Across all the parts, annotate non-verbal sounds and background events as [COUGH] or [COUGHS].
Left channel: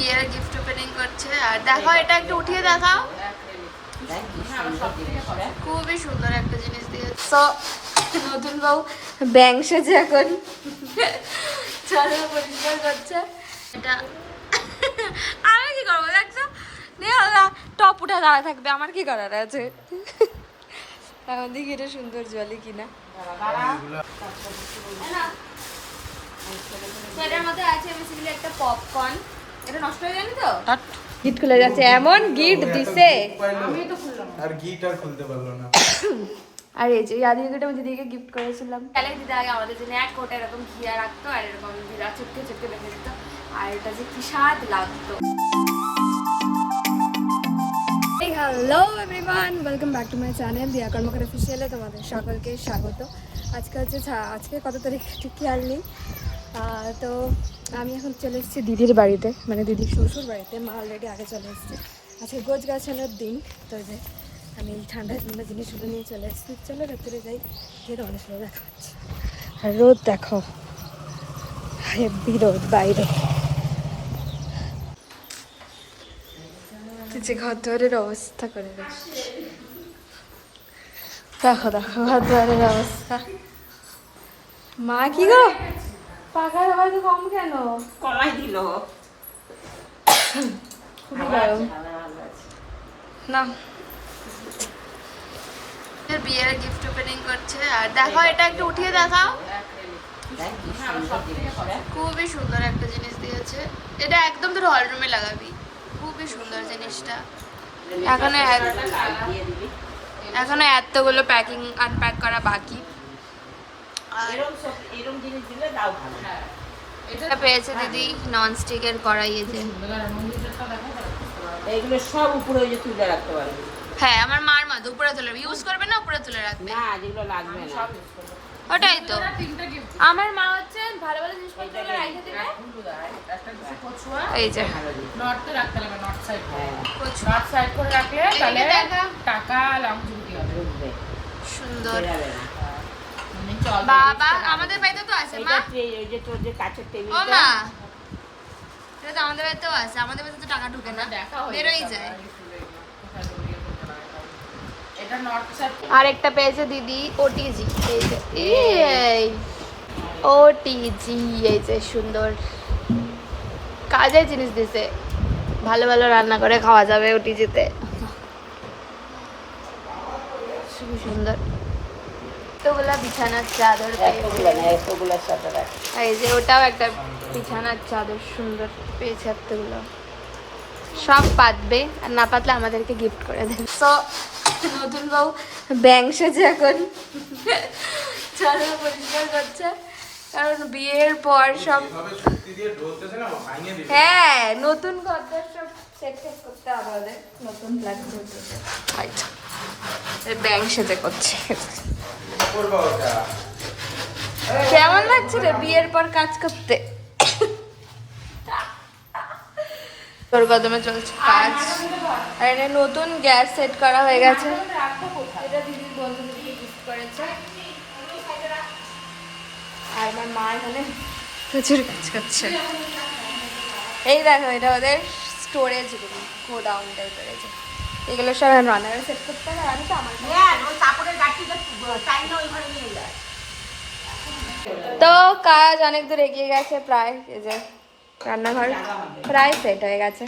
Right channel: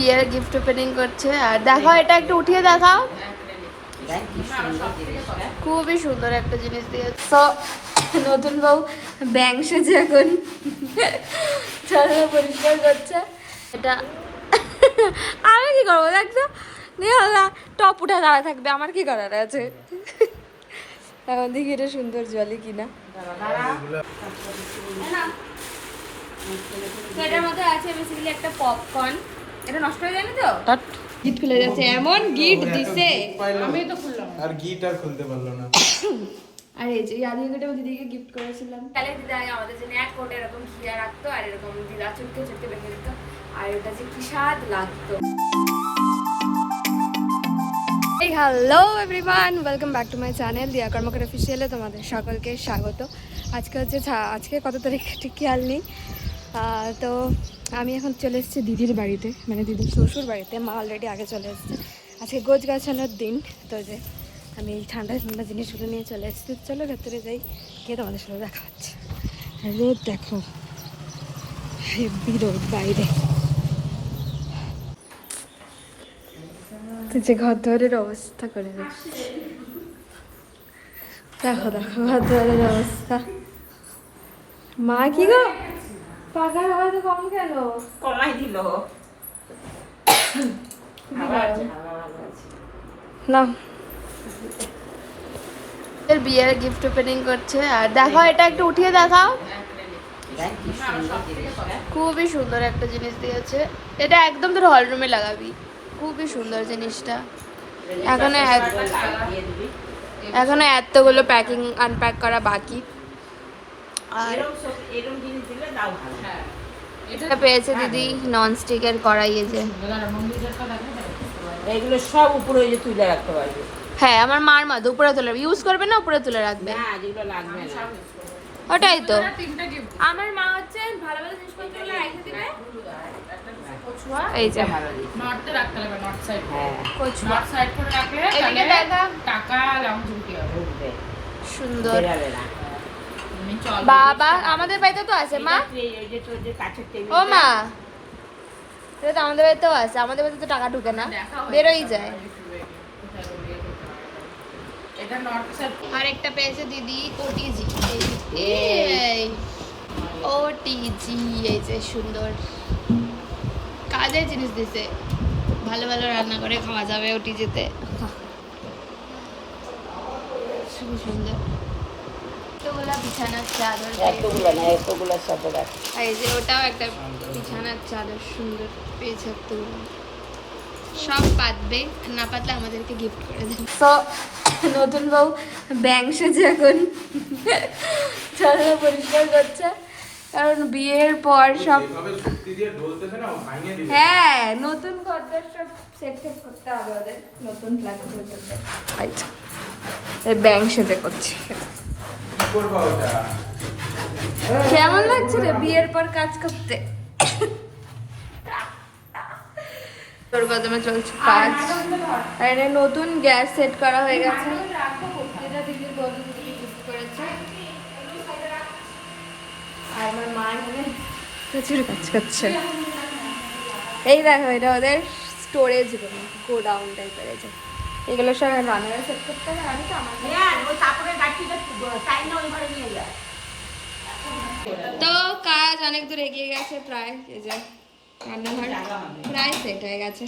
বিয়ের gift opening করছে। আর দেখো এটা একটু উঠিয়ে দেখাও। খুবই সুন্দর একটা জিনিস দিয়েছে। নতুন বউ ব্যাং সেজে এখন পরিষ্কার করছে। এটা আমি কি করব দেখছ? টপ উঠে দাঁড়া থাকবে আমার কি করার আছে? এখন দেখি এটা সুন্দর জলে কিনা। এটার মধ্যে আছে বেসিক্যালি একটা পপকর্ন এটা নষ্ট হয়ে যায়নি তো? গিট খুলে যাচ্ছে এমন গিট দিছে। আর গিট আর খুলতে পারল না। আর এই যে আদি গিটে আমি দিদিকে গিফট করেছিলাম। ক্যালেক দিতে আগে আমাদের জন্য এক কোটে এরকম খিয়া রাখতো আর এরকম জিরা চটকে চটকে রেখে দিত। আর এটা যে কি স্বাদ লাগতো। Hello everyone welcome back to my channel Diya Karmakar অফিসিয়ালে তোমাদের সকলকে স্বাগত। আজকে হচ্ছে আজকে কত তারিখ? ঠিক খেয়াল নেই। তো আমি এখন চলে এসেছি দিদির বাড়িতে মানে দিদির শ্বশুর বাড়িতে। মা অলরেডি আগে চলে এসেছে। আজকে গোছ গাছানোর দিন, তো যে আমি ঠান্ডা ঠান্ডা জিনিসগুলো নিয়ে চলে এসেছি। চলো ভেতরে যাই, গিয়ে তোমাদের সাথে দেখা হচ্ছে। আর রোদ দেখো হেভি রোদ বাইরে। যে ঘর দুয়ারের অবস্থা করে দেখো দেখো, ঘর দুয়ারের অবস্থা। মা, কি গো? পাখার আওয়াজ কম কেন? কমাই দিল। খুবই না। বিয়ের গিফট ওপেনিং করছে। আর দেখো এটা একটু উঠিয়ে দেখাও। সুন্দর খুবই সুন্দর একটা জিনিস দিয়েছে। এটা একদম তোর হল রুমে লাগাবি। খুবই সুন্দর জিনিসটা। এখনও এখনও এতগুলো প্যাকিং আনপ্যাক করা বাকি আর এরকম সব এরকম জিনিস দিলে দাও ভালো এটা পেয়েছে দিদি নন স্টিকের কড়াই এই যে এগুলো সব উপরে ওই যে তুলে রাখতে পারবে। হ্যাঁ আমার মার মা উপরে তুলে ইউজ করবে না উপরে তুলে রাখবে? না যেগুলো লাগবে না। ওটাই তো। আমার মা হচ্ছে ভালো ভালো জিনিসপত্র রেখে দিবে এই যে। নর্থে রাখতে হবে নর্থ সাইড হ্যাঁ। নর্থ সাইড করে রাখলে তাহলে টাকা লামঝুমকি হবে। সুন্দর। বাবা আমাদের বাড়িতে তো আছে মা। ও মা। এটা তো আমাদের বাড়িতেও আছে আমাদের বাড়িতে তো টাকা ঢুকে না। বেরোই যায়। আর একটা পেয়েছে দিদি ওটিজি এই ওটিজি এই যে সুন্দর। কাজের জিনিস দিছে। ভালো ভালো রান্না করে খাওয়া যাবে ওটিজিতে [LAUGHS] খুবই সুন্দর। এতগুলো বিছানার চাদর এতগুলো সব রাখ এই যে ওটাও একটা বিছানার চাদর সুন্দর পেয়েছে এতগুলো। সব পাতবে আর না পাতলে আমাদেরকে গিফট করে দেবে। তো নতুন বউ ব্যাং সেজে এখন চলো পরিষ্কার করছে। কারণ বিয়ের পর সব হ্যাঁ নতুন ঘরদের সব সেট করতে হবে ওদের। নতুন ফ্ল্যাট ব্যাং সেজে করছে। কেমন লাগছে রে বিয়ের পর কাজ করতে? তোর কদমে চলছে কাজ। এখানে নতুন গ্যাস সেট করা হয়ে গেছে। আর আমার মা এখানে প্রচুর কাজ করছে। এই দেখো, এটা ওদের স্টোরেজ গোডাউন টাইপের আছে এগুলো সব আমি রান্নাঘরে সেট করতে হবে আমি তো আমার হ্যাঁ ওই কাপড়ের গাঠিটা চাই না ওই ঘরে নিয়ে যায়। তো কাজ অনেক দূর এগিয়ে গেছে প্রায় এই যে রান্নাঘর প্রায় সেট হয়ে গেছে।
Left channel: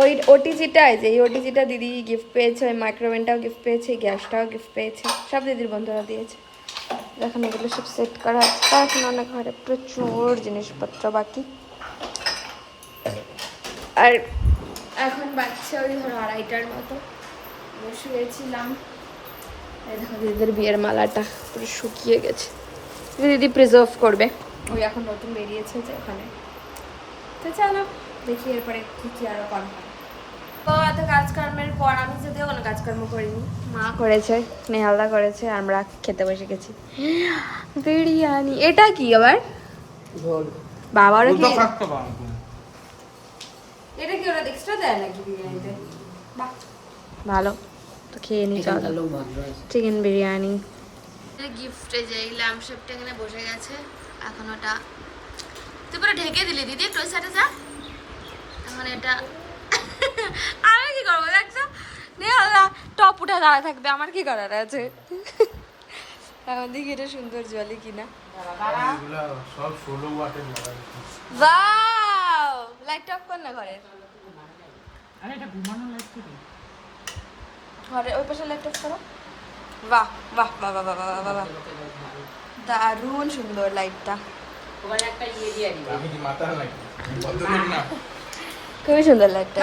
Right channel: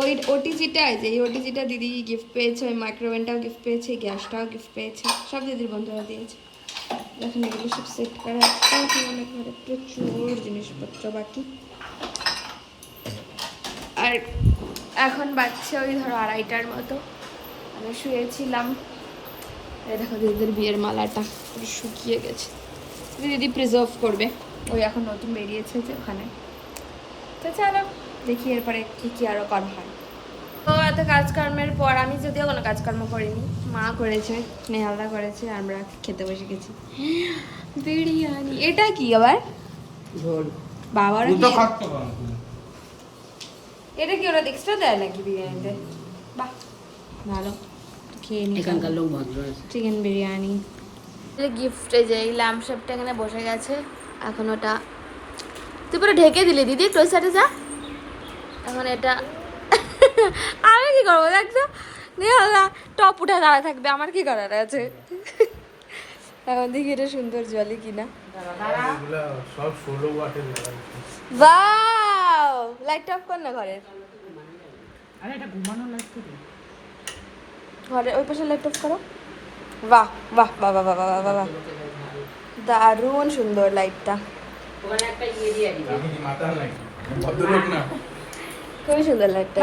ওই ওটিজিটা এই যে এই ওটিজিটা দিদি গিফট পেয়েছে ওই মাইক্রোওভেনটাও গিফট পেয়েছে গ্যাসটাও গিফট পেয়েছে সব দিদির বন্ধুরা দিয়েছে। এখন এগুলো সব সেট করা হচ্ছে এখন অনেক ঘরে প্রচুর জিনিসপত্র বাকি। আর এখন বাচ্চা ওই ধরো আড়াইটার মতো। আমি শুয়েছিলাম। এই দেখো দিদিদের বিয়ের মালাটা পুরো শুকিয়ে গেছে। দিদি প্রিজার্ভ করবে। ওই এখন নতুন বেরিয়েছে যে ওখানে। তো চলো দেখি এরপরে কী কী আরও করা হয়। তো এত কাজকর্মের পর আমি যদিও কোনো কাজকর্ম করিনি। মা করেছে নেহালদা করেছে আমরা খেতে বসে গেছি। বিরিয়ানি এটা কি আবার? বাবারও কি এটা কি ওরা এক্সট্রা দেয় নাকি বিরিয়ানিতে? বাহ। ভালো। তো খেয়ে নি চিকেন বিরিয়ানি। গিফটে যে ল্যাম্প শেপটা এখানে বসে গেছে এখন ওটা তুই পুরো ঢেকে দিলি দিদি তোর সাথে যা। এখন এটা [LAUGHS] আমি কি করব দেখছ? নেহালা টপ উঠে দাঁড়া থাকবে আমার কি করার আছে? [LAUGHS] এখন দেখি এটা সুন্দর জলে কিনা। এগুলা লাইট অফ কর না ঘরের। আরে এটা ঘুমানোর লাইট তো ঘরে ওই পাশে লাইট অফ করো। বাহ বাহ বাহ বাহ বাহ বাহ বাহ দারুণ সুন্দর লাইটটা খুবই সুন্দর লাইটটা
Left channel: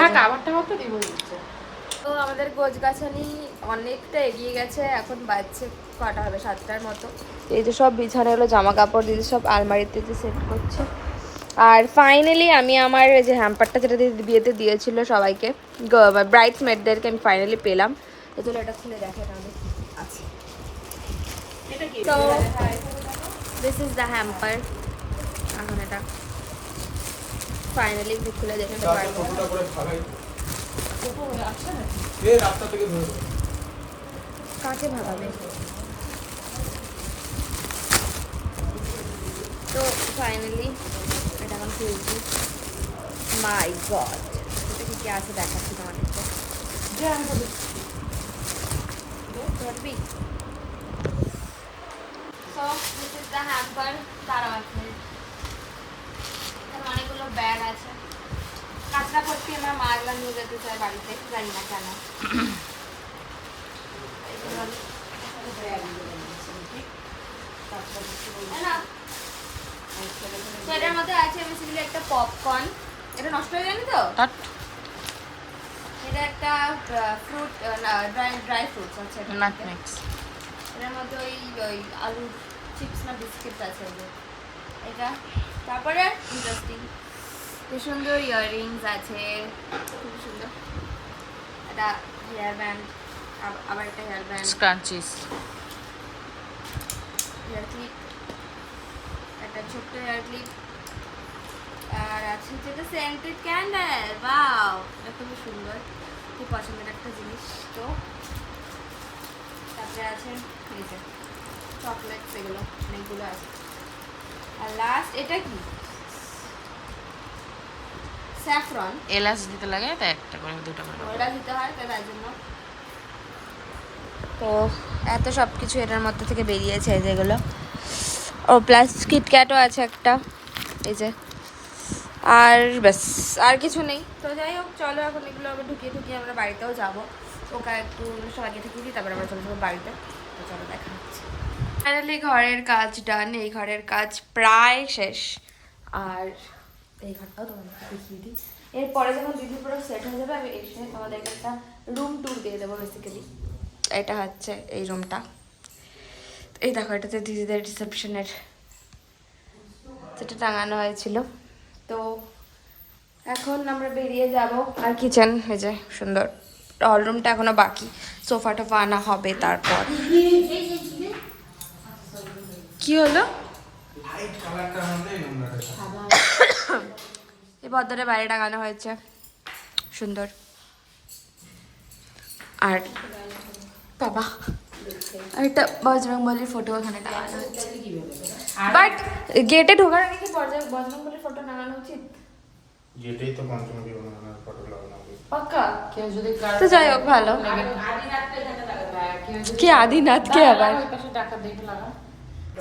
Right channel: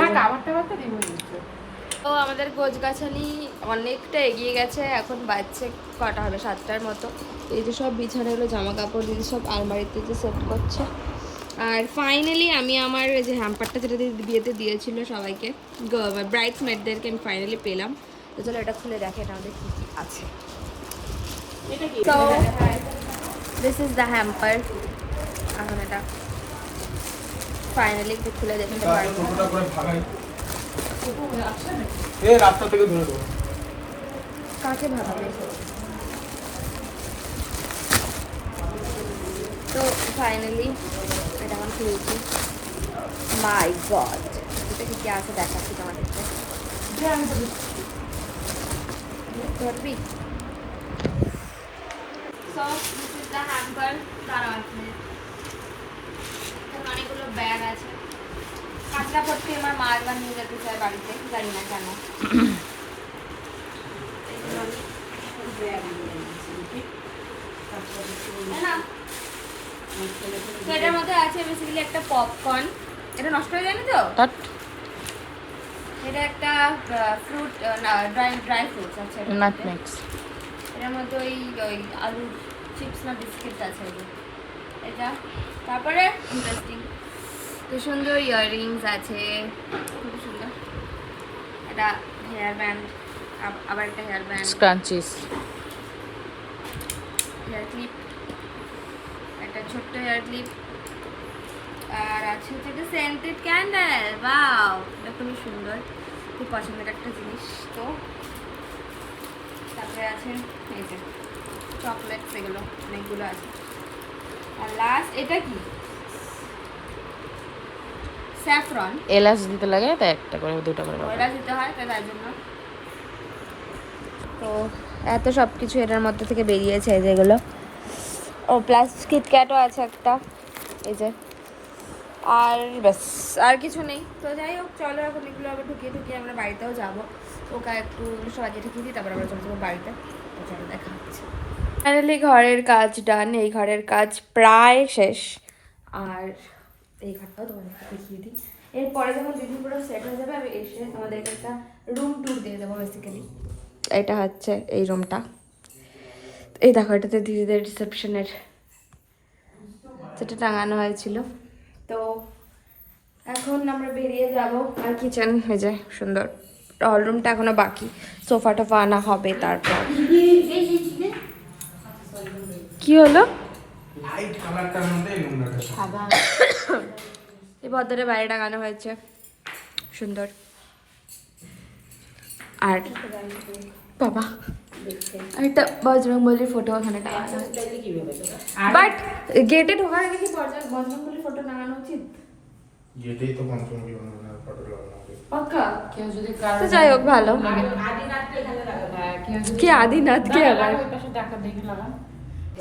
তো আমাদের গোজ গাছানি অনেকটা এগিয়ে গেছে এখন বাজছে কটা হবে সাতটার মতো। এই যে সব বিছানাগুলো জামা কাপড় দিদি সব আলমারিতে যে সেট করছে। আর ফাইনালি আমি আমার এই যে হ্যাম্পারটা যেটা দিদি বিয়েতে দিয়েছিল সবাইকে ব্রাইডস মেডদেরকে আমি ফাইনালি পেলাম। তো চলো এটা খুলে দেখে এটা আমাদের কী কী আছে। তো দিস ইজ দ্য হ্যাম্পার এখন এটা ফাইনালি একটু খুলে দেখতে পারব। কাকে ভাগাবে? তো ফাইনালি এখন খুলেছি মাই গড এটা কি কি আছে দেখাচ্ছি তোমাদেরকে? ধরবি? অনেকগুলো ব্যাগ আছে। কাঁচরা পট্টি আমার মা একবার নিয়ে যেতে চায় বাড়িতে, জানি না কেন। না। তো এটার মধ্যে আছে বেসিক্যালি একটা পপকর্ন এটা নষ্ট হয়ে যায়নি তো? এটা একটা ফ্রুট ড্রাই ড্রাই ফ্রুটস আছে মধ্যে। এটার মধ্যে ওই ওই আলু চিপস না বিস্কিট আছে এটা। তারপরে ইন্টারেস্টিং তো সুন্দর ইয়াররিংস আছে। খুব সুন্দর। এটা হেয়ার ব্যান্ড আবার একটা hair band scrunchies hair clip একটা ছোট্ট হেয়ার ক্লিপ আর আছে হচ্ছে একটা সেন্টেড ক্যান্ডেল বাও এটা খুবই সুন্দর। খুব পছন্দের একটা জিনিস তো। তারপরে আছে এই যে চকলেটস এগুলো অনেকগুলো আছে। আর লাস্ট এটা কি? স্যাফরন এলাচ দিতে লাগে তাই একটা করে দুটো করে ওইটা দিতে হয় তাই তার জন্য। তো এত সব কিছু এটার মধ্যে থেকে বেরিয়েছে যেগুলো ও, প্লাস কিটক্যাটও আছে একটা। এই যে। আর ব্যাস, আর কিছু নেই। তো যাই হোক, চলো এখন এগুলো আবার ঢুকিয়ে ঢুকিয়ে আমরা বাড়িতেও যাব। ওকে একটু সবাইকে ঢুকিয়ে দিই, তারপর আমরা চলে যাব বাড়িতে। তো চলো, দেখা হচ্ছে। ফাইনালি ঘরের কাজ ডান এই ঘরের কাজ প্রায় শেষ। আর এই ঘরটাও তোমাদেরকে দেখিয়ে দিই। এরপরে যখন দিদি পুরো সেট হয়ে যাবে, আমি এসে আমাদেরকে একটা রুম ট্যুর দিয়ে দেবো বেসিক্যালি এটা হচ্ছে এই রুমটা এই দেখো এটাতে দিদিদের রিসেপশনের যেটা টাঙানো হয়েছিল। তো এখন আমরা বেরিয়ে যাব। আর কিচেন হয়ে যায় সুন্দর। হল রুমটা এখনও বাকি। সোফা টোফা আনা হবে তারপর। কি হলো? এই পদ্মারে বাইরে টাঙানো হয়েছে। সুন্দর। আর বাবা। আর একটা বজরংবলির ফটো ওখানে টাঙানো হয়েছে বাট গেটে ঢোকার আগে কি বজরং- বজরংবলির ফটো টাঙানো উচিত? যেটাই তো পঞ্চমী ফটো লাগানো পাক্কা? কেউ যদি তো যাই হোক ভালো। কি আদিনাথ কে আবার?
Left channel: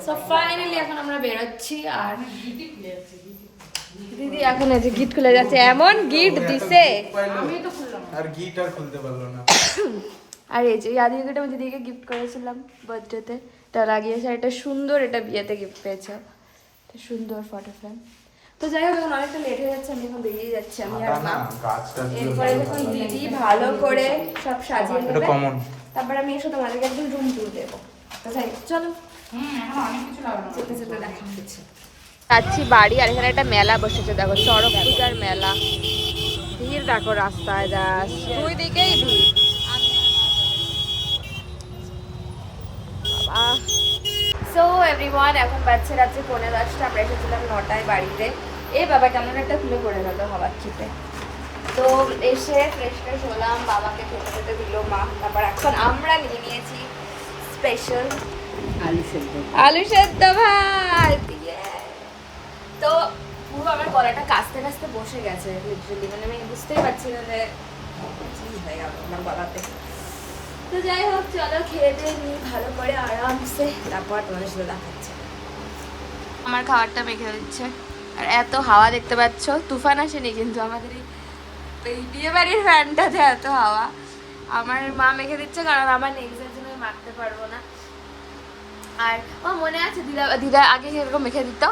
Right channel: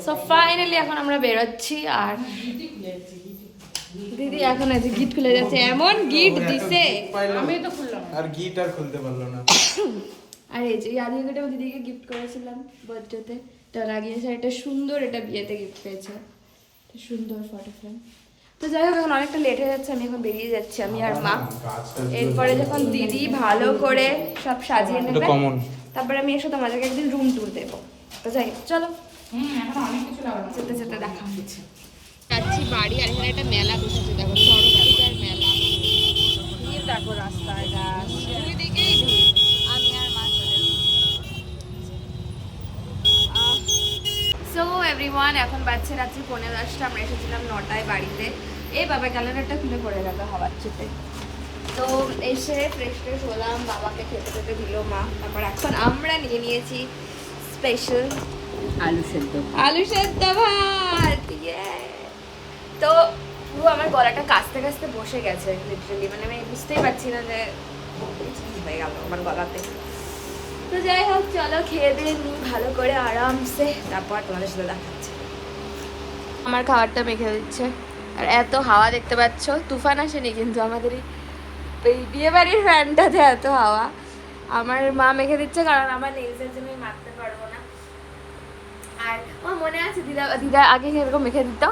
সো ফাইনালি এখন আমরা বেরোচ্ছি আর দিদি এখন আছে গিট খুলে যাচ্ছে। এমন গিট দিছে। আমি তো খুললাম। আর গিট আর খুলতে পারল না। আর এই যে গিট আমি দিদিকে গিফট করেছিলাম বার্থডেতে এটা লাগিয়েছে আর এটা সুন্দর এটা বিয়েতে গিফট পেয়েছে। সুন্দর ফটো ফ্রেম তো যাই হোক এখন অনেকটা লেট হয়ে যাচ্ছে আমি এখন বেরিয়ে যাচ্ছি আমি আর মা। এরপরে যখন দিদি ভালো করে সব সাজিয়ে নেবে তারপরে আমি এসে তোমাদেরকে একদিন রুম ট্যুর দেবো। তো যাই চলো। হুম এখন অনেক কিছু লাগানো যেতে যেতে দেখা হচ্ছে যাচ্ছি বাড়ি আর এখানে একটা মেলা বসেছে দেখো চড়ক পূজার মেলা। ভিড় দেখো রাস্তায় যাস দুই দিকেই ভিড়। সো এভরিওয়ান এখন বাজছে রাত্রে পৌনে দশটা। আমরা এসেছিলাম নটায় বাড়িতে। এই বাবা একটা খুলে পড়ে গেল বাবার চুপে তো এসে ফ্রেশ ফ্রেশ হলাম বাবাকে খেতে খেতে দিল মা। তারপর এখন আমরা নিয়ে নিয়েছি স্পেশাল আলু সেদ্ধ। আলু সেদ্ধ ভাত তো পুরো আমার গলাটা কাছতে কাছতে বসে গেছে লিটারেলি মানে আমি বুঝতেই পারছি না যে হয়ে গেল আমার গলাতে। তো যাই হোক, চলো খেয়ে দিয়ে নিই, ভালো করে আরামসে, তারপর তোমাদের সাথে দেখাচ্ছি আমার খাবারটা মেখে দিচ্ছে। আর এত হাওয়া দেখতে পাচ্ছ, তুফান আসেনি কিন্তু আমাদের এই বিয়ে বাড়ির ফ্যানটাতে এত হাওয়া। আমার মা মেখে দিচ্ছে কারণ আমার নেলসের জন্য মাখতে পারব না। আর আমার মনে আছে, দিদা দিদা আগে এরকম মেখে দিত?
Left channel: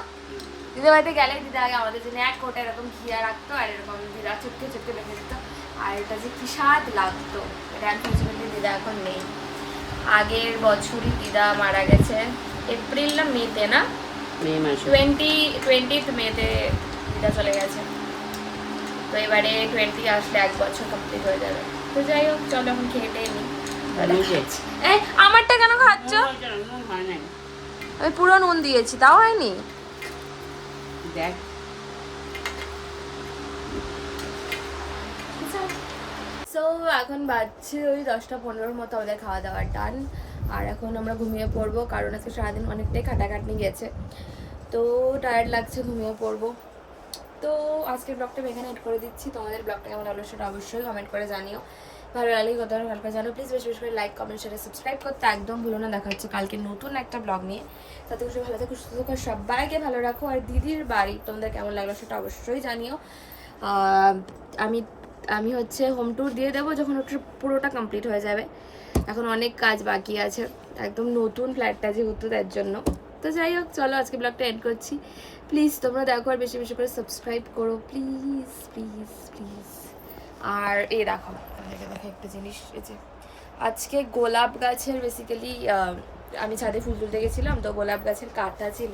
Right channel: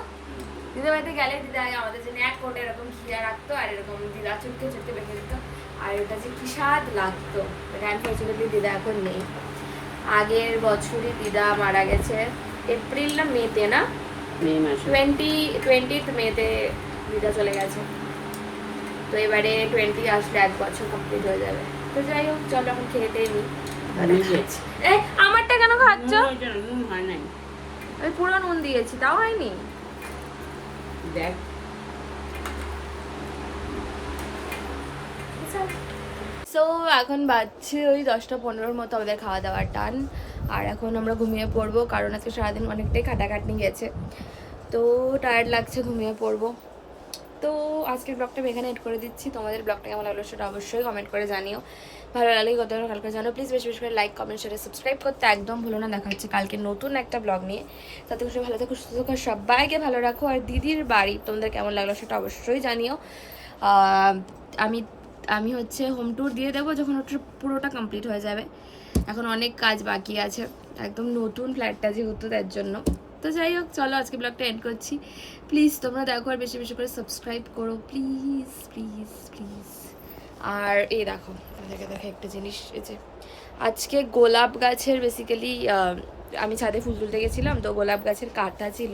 দিদা বাড়িতে গেলে দিদা আগে আমাদের জন্য এক কোটে এরকম ঘিয়া রাখতো আর এরকম দিদা চুটকে চুটকে মেখে দিত। আর এটা যে কি স্বাদ লাগতো এটা আনফর্চুনেটলি দিদা এখন নেই। আগের বছরই দিদা মারা গেছে এপ্রিল না মেতে না? টোয়েন্টি টোয়েন্টিথ মেতে দিদা চলে গেছে। তো এবারে টোয়েন্টি আসলে এক বছর কমপ্লিট হয়ে যাবে। তো যাই হোক চল এখন খেয়ে টেয়ে নিই। এই আমারটা কেন খাচ্ছ? আমি পুরো নুন দিয়েছি তাও হয়নি? দেখ। সো এখন বাজছে ওই দশটা পনেরোর মতো আমাদের খাওয়া দাওয়ার টান। আর এখন আমরা ঘুমিয়ে পড়ব, কারণ আজকে সারাদিন অনেকটাই খাটাখাটনি গেছে। তো টায়ার্ড লাগছে ঘুমিয়ে পড়ব। তো আজকের ব্লগটা আমি এখানে এড করে দিচ্ছি। তোমাদের ব্লগটা কেমন লাগল সেটা অবশ্যই কমেন্ট করে জানিও। ভালো লাগলে কত ভালো করে জানো প্লিজ বেশি বেশি করে লাইক কমেন্ট শেয়ার সাবস্ক্রাইব করতে একদম ভুলো না। দেখা হচ্ছে কালকে নতুন একটা ব্লগ নিয়ে। তাতে খুশি, ভালো থাকো, সুস্থ থাকো, সবাইকে ভালো রাখো। আর দিদির বাড়ি, তোমাদের কেমন লাগল সেটা অবশ্যই জানিও। আমি আমি হচ্ছে হোম ট্যুর দিয়ে দেবো যখন ওটা পুরোটা কমপ্লিট হয়ে যাবে। এখন অনেক কাজ বাকি আছে, একদম নতুন ফ্ল্যাটটা যেহেতু তার জন্য। তো যাই হোক, চলো আজকে ব্লগটা এন্ড করছি। প্লিজ তোমরা দেখো আর বেশি বেশি করে সাবস্ক্রাইব করো। প্লিজ প্লিজ প্লিজ আর এই দেখো, তোমাদেরকে দেখা একটা জিনিস, এই যে আজকে গোলাপ গাছের বেসিক্যালি আমি ছাদে ফুল তুলতে গেছিলাম, তো গোলাপ গাছের কাঁটা ছিল।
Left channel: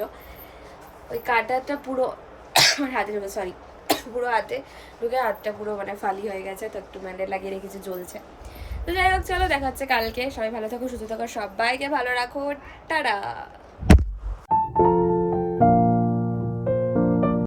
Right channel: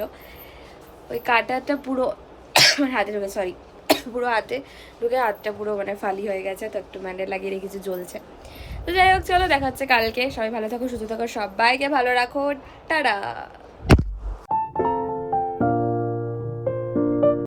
ওই কাঁটাটা পুরো [COUGHS] আমার হাতে ঢুকে সরি পুরো হাতে ঢুকে হাতটা পুরো মানে ফালি হয়ে গেছে, তো একটু মানে লাগিয়ে রেখেছি জ্বলছে। তো যাই হোক, চলো দেখাচ্ছে কালকে। সবাই ভালো থাকো, সুস্থ থাকো, সবাইকে ভালো রাখো। টাটা!